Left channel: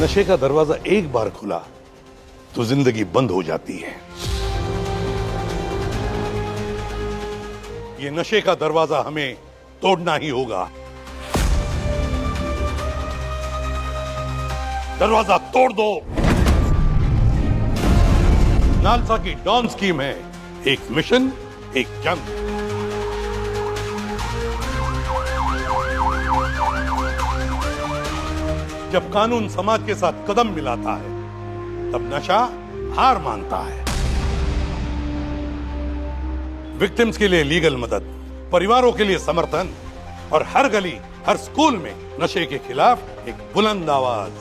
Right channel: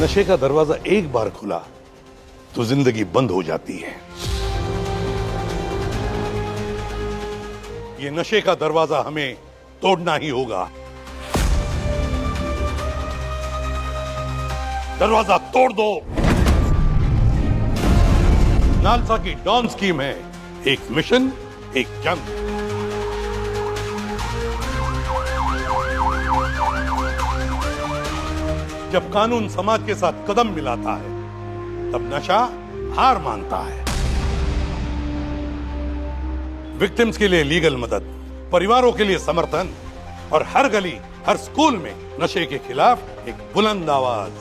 नशे का दरवाजा एक बार खुला तो जिंदगी बंद हो जाती है। ये नशे का दरवाजा हमें तोड़ना ही होगा। दरवाजा तोड़ दो। नालसा की डॉन स्कीम है, एक मिशन एक जंग। जब कानून समाज के साथ कदम मिलाता है तब नशा हार मानता है। विक्टिम्स के लिए लीगल मदद, परिवारों के लिए समर्थन और हर गली हर स्कूल में नशे के खिलाफ एक बुलंद आवाज।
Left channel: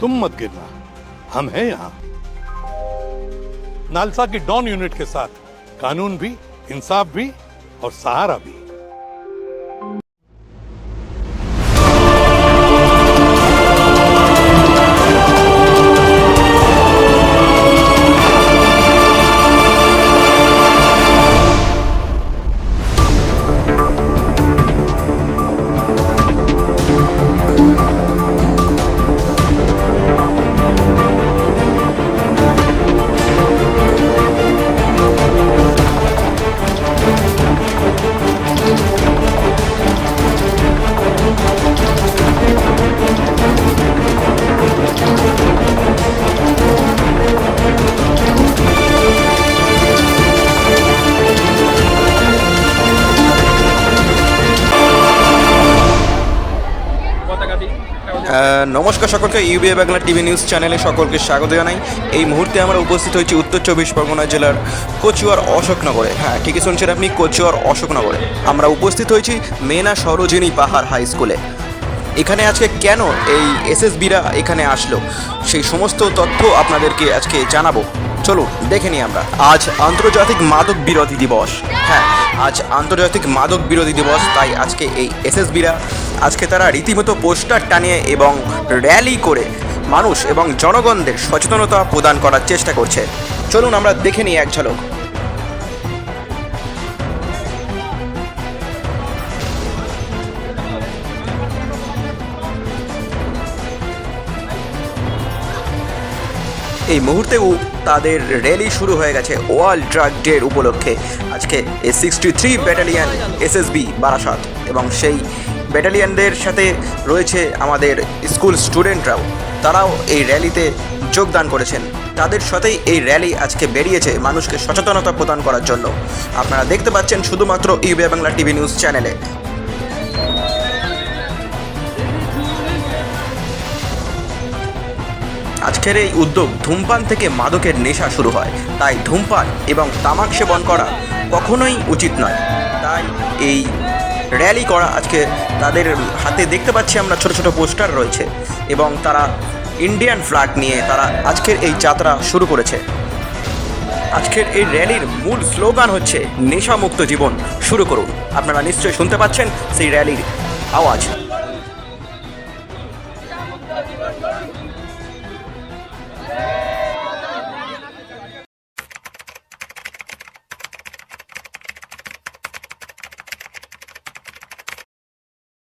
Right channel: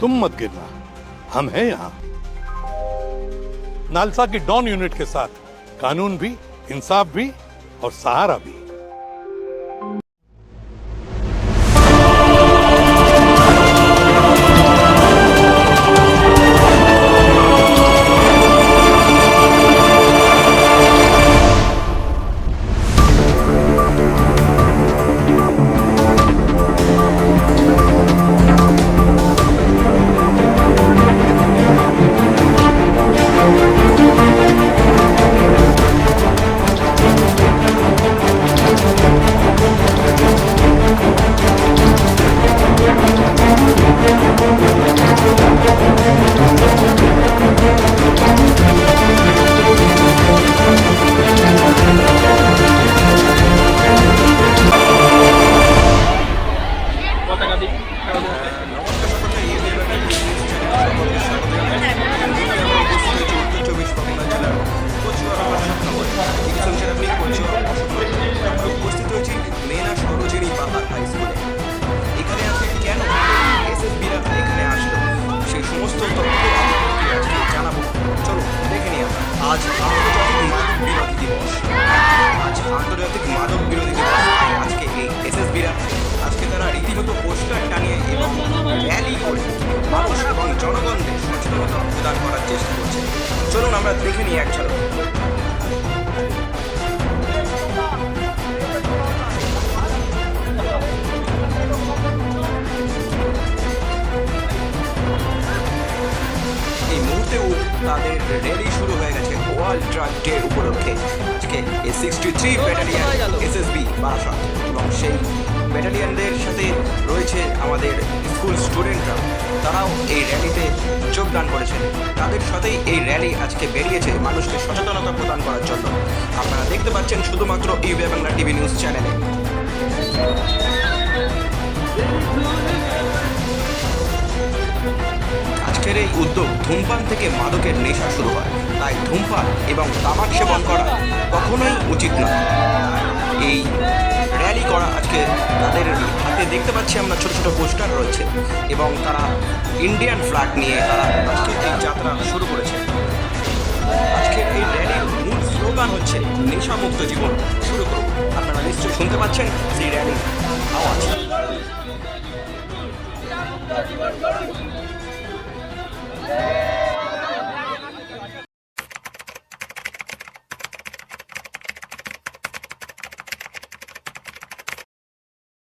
तुम मत गिरना, हम हैं यहां। नालसा की डॉन यूनिट के साथ कानून भी, इंसाफ भी और सहारा भी। নমস্কার সকলকে, ইউবিএ বাংলা টিভি নিউজ চ্যানেলে সকলকে স্বাগত জানাই। এই মুহূর্তে আমরা উপস্থিত হয়েছি উত্তর চব্বিশ পরগনা জেলার কচুয়ার অশোকনগরে। হ্যাঁ, ঠিকই শুনছেন আপনি, কচুয়ার অশোকনগরে আমরা উপস্থিত হয়েছি মেনা সরোজিনী পাহাড় হাই স্কুলে। এখানে আজকে কেন এই এসএসবিরা এখানে আসলো সেই সমস্ত তথ্য আপনাদেরকে আজকে জানাবো। চলুন দেখে নিই আমরা। আজ আন্তর্জাতিক মাদক বিরোধী দিবস। হ্যাঁ, আজ আন্তর্জাতিক মাদক বিরোধী দিবস, তাই আজকে এই এসএসবিরা আজকে তারা রীতিমতো পোস্টার টানিয়ে এবং র্যালি করে মানুষ এবং জনগণদের সচেতনতা প্রদান করার চেষ্টা করছে। চলুন আমরা দেখে নিই এক ঝলক। এই মুহূর্তেও তাদের র্যালি শুরু হয়ে গেছে ওয়ার্ল্ড ড্রাগ ডে উপলক্ষে। আজকে এই 63 ব্যাটালিয়ন এসএসবি বারাসাত এবং সেই ব্যাটালিয়নদের সাথে রয়েছে আমাদের স্কুল স্টুডেন্টরাও, তারাও এই র্যালিতে যোগদান করেছেন। তাদের সাথেই এই র্যালি আজকে বেরিয়েছে মানুষকে সচেতনতা প্রদান করার জন্য। আপনারা দেখতে পাচ্ছেন শুধুমাত্র ইউবিএ বাংলা টিভি নিউজ চ্যানেলে। আজকের এই উদ্যোগ ধূমপান থেকে মাদকের নেশা শুরু হয়, তাই ধূমপান এবং তামাক সেবন করা কখনোই উচিত নয়। তাই এই র্যালি করা আজকে তাদের হাতে দেখতে পাচ্ছি আমরা ছোট ছোট পোস্টার রয়েছে এবং তারা ইন্ডিয়ান ফ্ল্যাগ নিয়ে তারা আজকের এই যাত্রা শুরু করেছে। আজকের এই র্যালির মূল স্লোগান হচ্ছে নেশামুক্ত জীবন শুরু করুন। আপনারা নিশ্চয়ই শুনতে পাচ্ছেন সেই র্যালির আওয়াজ।